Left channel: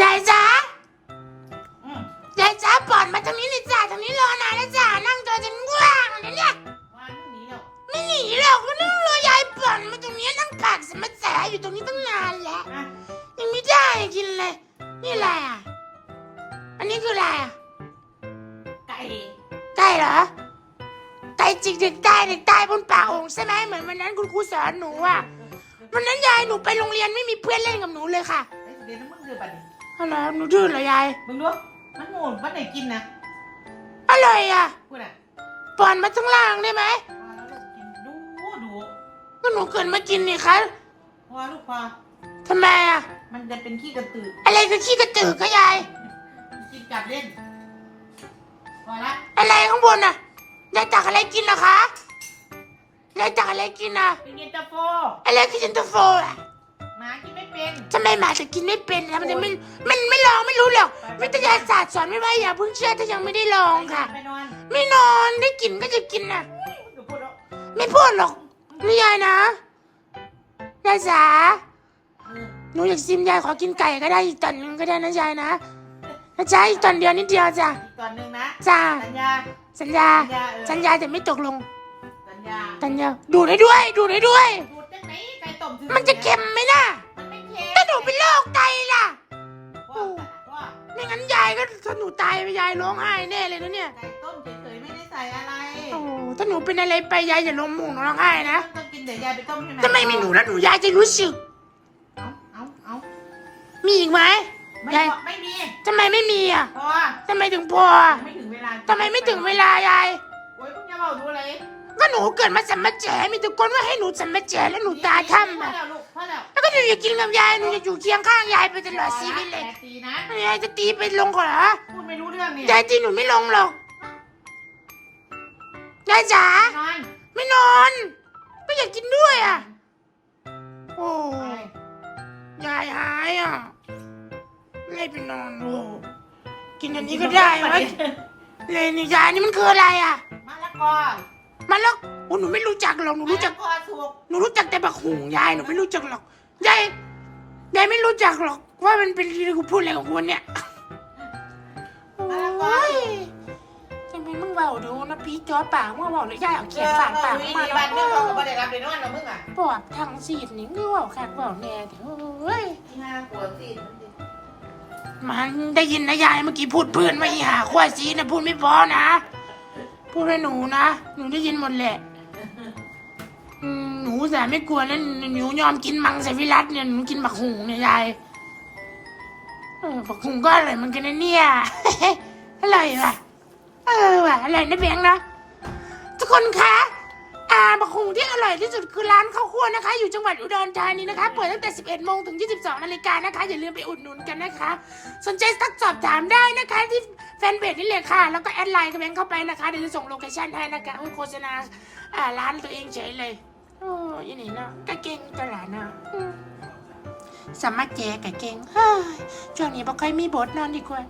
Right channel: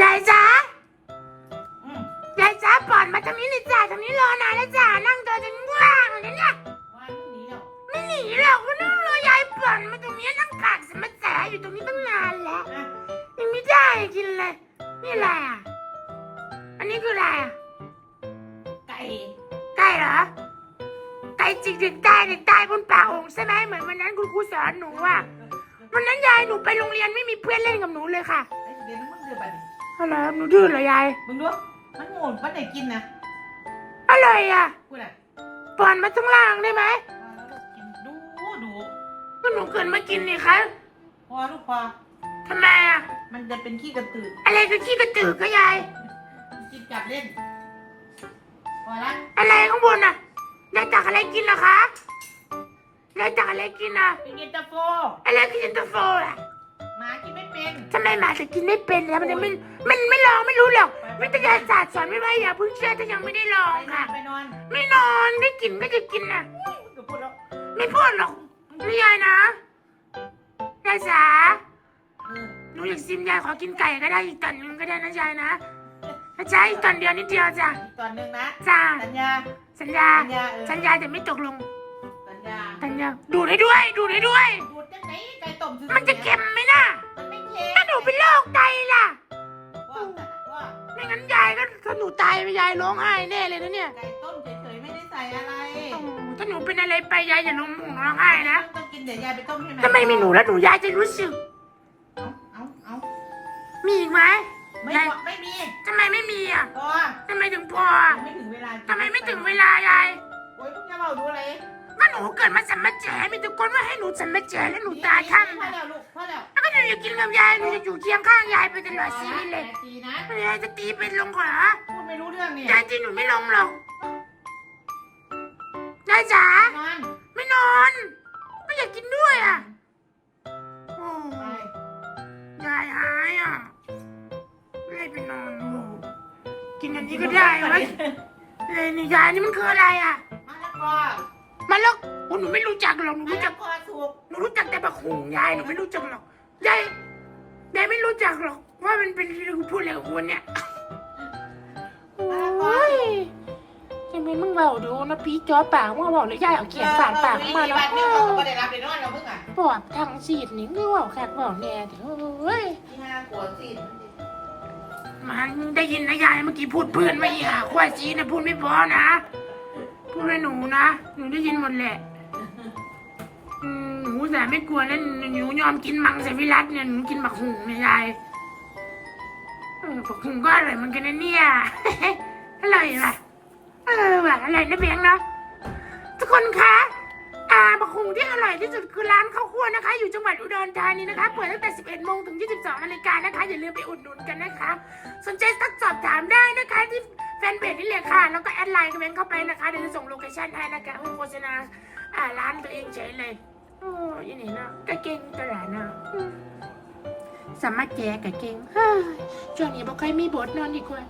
ยายจ๋าอืมยายจ๋าปอดมาทางนี้เลยจ้าทางนี้รอนานแล้วจ้านั่งจอจนว่างเลยเนี่ยวานหนีแล้วไม่หนีหรอกก็นั่งรอยายปอดมาตรงนี้นั่งผักสมัจาอยู่ตรงนี้ตั้งนานแล้วอะยังไม่ได้กินเลยนี่อะไรอะอันนี้คืออะไรอะไก่ไก่เหรอไก่จิกเด็กตายเด็กตายบนป่าโองใช่ไหมเหมือนวันนั้นคุณครูสอนหนูอะวันนั้นยายหนูไปโรงเรียนไม่มีเพื่อนเล่นกับหนูเลยค่ะ ไอ้เดี๋ยวน้ำมึงเดือบัดดิ อะไรหนูดื้อเหรอยาย มึงดู มันโง่มันไหนกินนะอะไรอะพูดอะปอนมาทั้งล่างได้ไหมพอแล้วลูกกินดูดูก็หนูเกิดมากินนี่คะพอลูกพอทำไมอะ มันจะเป็นขี้กระตืออะไรคือขี้กระตือก็ยายกินกลับเล่น พอละ อะไรข้างบนอะยายตักอะไรกินเหรอคะยายตักอะไรกินอะเป็นเย็นตาโฟอะไรคือเย็นตาโฟอะหมากินไม่ เป็นทำไมหมาถึงกินไม่เป็นแล้วมันจะไม่มันไม่ลองไม่รู้หรอกวิทยาศาสตร์สอนไม่ว่าอย่าเพิ่งเชื่อถ้ายังไม่ได้ลองค่ะ ไปนอนไม่นอนได้กินก็จะกินนะมึงจะพูดแล้วไม่พูดหรอกนี่ยายนะยายจ๋าเออหนูอยากซิมยายขอกินไก่ก็ได้อีกตอนนึงก็ได้นะยายนะนะจ๊ะอีกตอนเดียวนิดเดียวจ้ะอีกตอนหนึ่งนะจ้าสัญญาสัญญา สัญญาเออสัญญาแต่ไม่ตกลงสัญญาสัญญาดูดให้ด้วย ดูดให้ด้วย ดูดจังไหนไก่ต้มซื่อๆมันจะเค็มไหมล่ะมันไม่ เค็มถ้าหนูเป็นโรคไตล่ะว่าว่าไม่งั้นยายก็ถ้าหนูตายไปยายร้องไห้แน่เลยนะเนี่ยไก่ต้มเฉยๆไม่ได้ใส่อะไรโอ้โหถ้าหนูเป็นอะไรไปยายอย่าลงหมูหนูร้องไห้นะต้องกินเดี๋ยวยายไปต้มให้มันทำไมมีหนูแล้วหนูยายจะรู้สึก เอาเอาเอามีอีกไหมไม่ยายพอไม่มีทำไมไม่มีอะพอทำไมถึงพอยังไม่ถึงเวลาทำไมไม่ถึงเวลายายโอ้ยพวกยาเบาดูเลย ก็หนูเกิดมาสัมมาแจมีทุกคนว่าให้หนูสัมมาแจแล้วหนูตาถ้ำพออะแล้วลูกพอแล้วแล้วก็หนูจะกินกับยายหนูจะอยู่เคียงข้างยายไปตลอดชีวิตเลยแปดปีนะ ยายจะตีไปลงก่อนเหรอพูดไม่รู้เรื่องเนี่ยยายตีหนูไม่ลงหรอกยายจ๋านอนไม่นอน ก็อยากกินด้วยอะโอ้ไปยายหายอะเลยไปนอนดูกินอันนี้ก็ได้วะเลยนี่ยายนี่มันคืออะไรอะมะละกอ มันแล้วโอ้หนูไม่รู้จักหรอกหนูมะรู้จัละกกอสุกหนูรู้จักแต่บักหุงยายหนูไม่รู้จักหรอกยายยายไม่รู้จักหรอก ว่ามันเป็นที่กูพูดอะไรของคุณเนี่ยโอ้ยทำไมมึงเบาดูนะพี่จอปากมึงเบาเลยยายเอาเขียนฝานปากมาเนาะเนาะไม่ได้รับไปนอนเราเพิ่งอะปอดทางสีดนี่มึงเบาแขกเบาแน่เถอะเอ้ยที่ห้าขวดสิมันได้ยินนะยายเมื่อกี้พูดเพื่อนไม่หาขั้วซีนะพูดไม่พอนะ พูดให้หนูนะ หนูได้ยินหมดแหละอืมหนูแต่ไม่กลัวแล้วหนูยอมกินมังสวิรัตเนี่ย หนูกินบักหุงเนี่ยยายเออบักหุงก็อร่อยเหมือนกันนะเนี่ย อร่อยว่ะ เออว่ะอร่อยนะเบงนะทุกคนคะอ่าบักหุงที่อร่อยที่สุดคือร้านข้าวคั่วนะคะ อยู่จังหวัดอุดรธานีนะคะ เปิดตั้งแต่ 11 โมงถึง 22 นาฬิกานะคะ อย่าลืมไปอุดหนุนกันนะคะ สนใจทักสอบถามได้นะคะที่ แฟนเพจนี่เลยค่ะ แล้วก็แอดไลน์คอมเมนต์เข้าไปนะคะเดี๋ยวจะส่งโลเคชั่นให้นะคะให้โฆษณาอ่าร้านตัวเองเฉยเลยโอ้ยนี่เนาะก็เก่งตลาดเนาะอืมสามารถแจกกับเก่งเฮ้ยช่วงนี้บอกใครมีบทนอนดีกว่า